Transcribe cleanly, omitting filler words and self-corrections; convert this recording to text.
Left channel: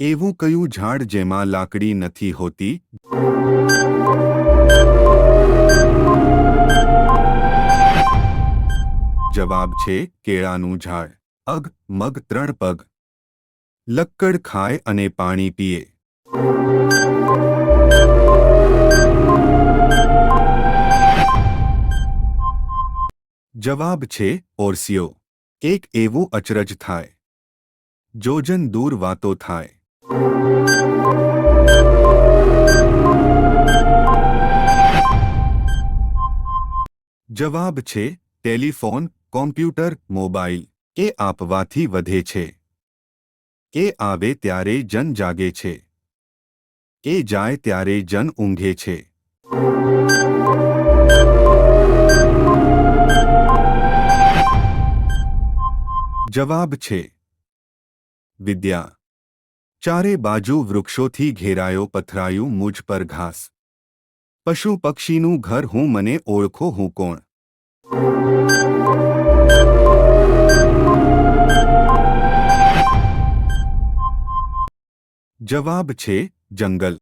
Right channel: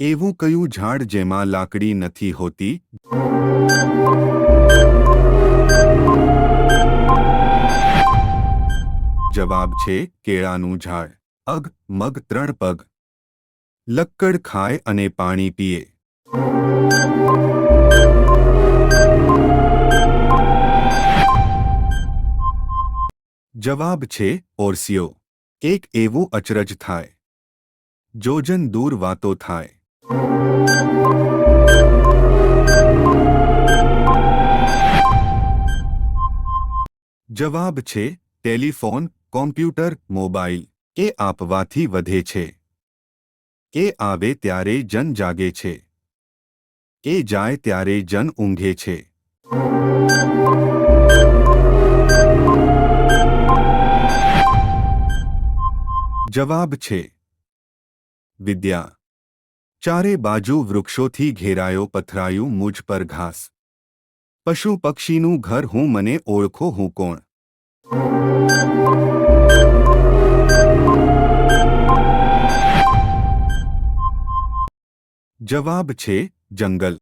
એવું કયું ઝાડ જેમાં લાકડી નથી હોતી? જવાબ છે કેળાનું ઝાડ. અગ મગ 3 પગ. લક્કડ ખાય અને પાણી પીએ. જવાબ છે ઓરસિયો. એક એવું અચરજ થાય, જોજન દૂર વાતો થાય. જવાબ છે ટેલિફોન, કોમ્પ્યુટર, મોબાઈલ. કે આપવાથી વધે છે. કે આવે ત્યારે જન જાગે છે. કે જાય ત્યારે જન ઊંઘે છે. જવાબ છે વિદ્યા. ચારે બાજુ વૃક્ષોથી ઘેરાયો પથરાયું મુझ પર ઘાસ. પશુ પક્ષીનું ઘર હું, મને ઓળખો હું કોણ? જવાબ છે જંગલ.